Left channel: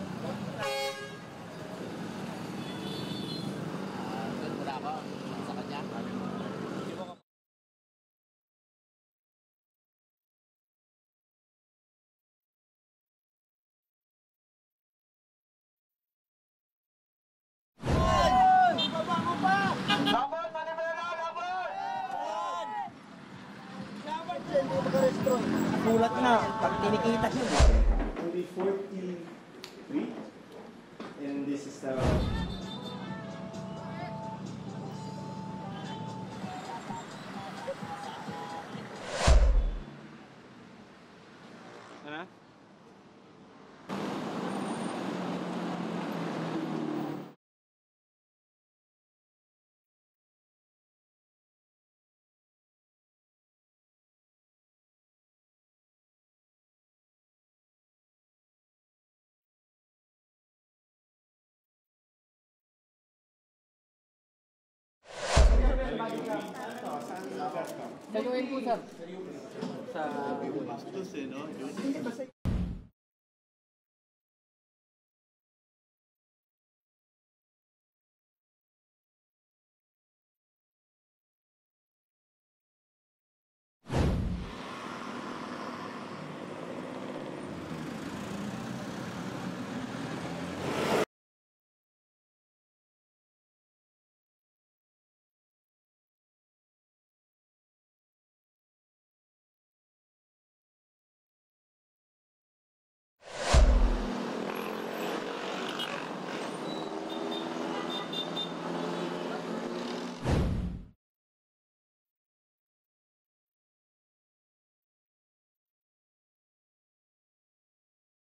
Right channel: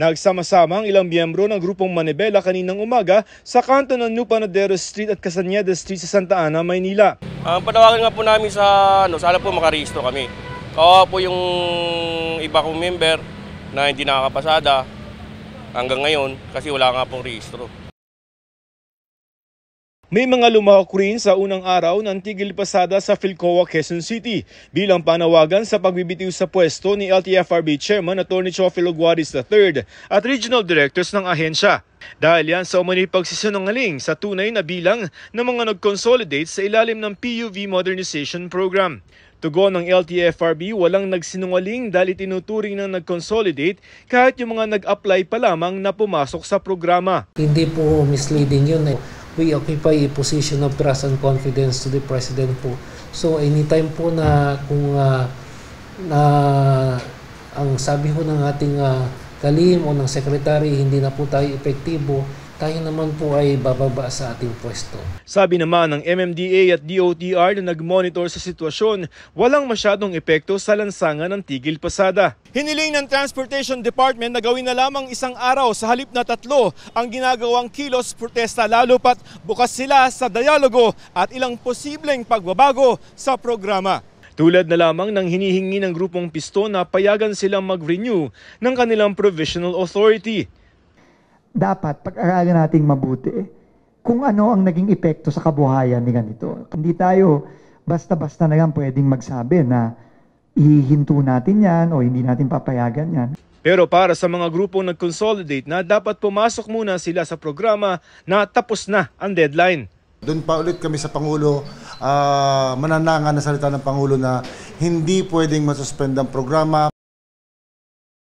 Nagsama-sama ang ilang miyembro ng grupong Manibela kaninang umaga sa kanto ng New Panadero Street at Casañeda Street sa Santa Ana, Maynila. Ang panawagan nga po namin sana po makarehistro kami. Kawawa po yung iba kong member na hindi nakakapasada hanggang ngayon kasi wala nga pong rehistro. May mga lumahok rin sa unang araw ng tigil pasada sa Philcoa, Quezon City bilang panawagan sa pagbibitiw sa pwesto ni LTFRB Chairman Atty. Chofilo Guaris III at Regional Directors ng ahensya. Dahil yan sa umano'y pagsisinungaling sa tunay na bilang ng mga nag-consolidate sa ilalim ng PUV Modernization Program. Tugon ng LTFRB, walang nagsinungaling dahil tinuturing ng nag-consolidate kahit yung mga nag-apply pa lamang na pumasok sa programa. Hindi po misleading yun. We occupy a position of trust and confidence to the President po. So anytime po na kung ang sabi po ng ating kalim o ng Secretary hindi na po tayo epektibo, tayo naman po ay bababa sa ating pwesto. Sabi naman ng MMDA at DOTR na nag-monitor sa sitwasyon, walang masyadong epekto sa lansangan ng tigil pasada. Hiniling ng Transportation Department na gawin na lamang isang araw sa halip na 3 ang ginagawang kilos protesta lalo pat bukas sila sa dialogo at ilang posibleng pagbabago sa programa. Tulad na lamang ng hinihingi ng grupong Pisto na payagan silang mag-renew ng kanilang provisional authority. Dapat pag-aralan nating mabuti kung ano ang naging epekto sa kabuhayan ni ganito. Hindi tayo basta-basta na lang pwedeng magsabi na ihinto natin yan o hindi natin papayagan yan. Pero para sa mga grupong nag-consolidate na dapat pumasok muna sila sa programa na tapos na ang deadline. Doon pa ulit kami sa Pangulo, mananangan na salita ng Pangulo na hindi pwedeng masuspend ang programa.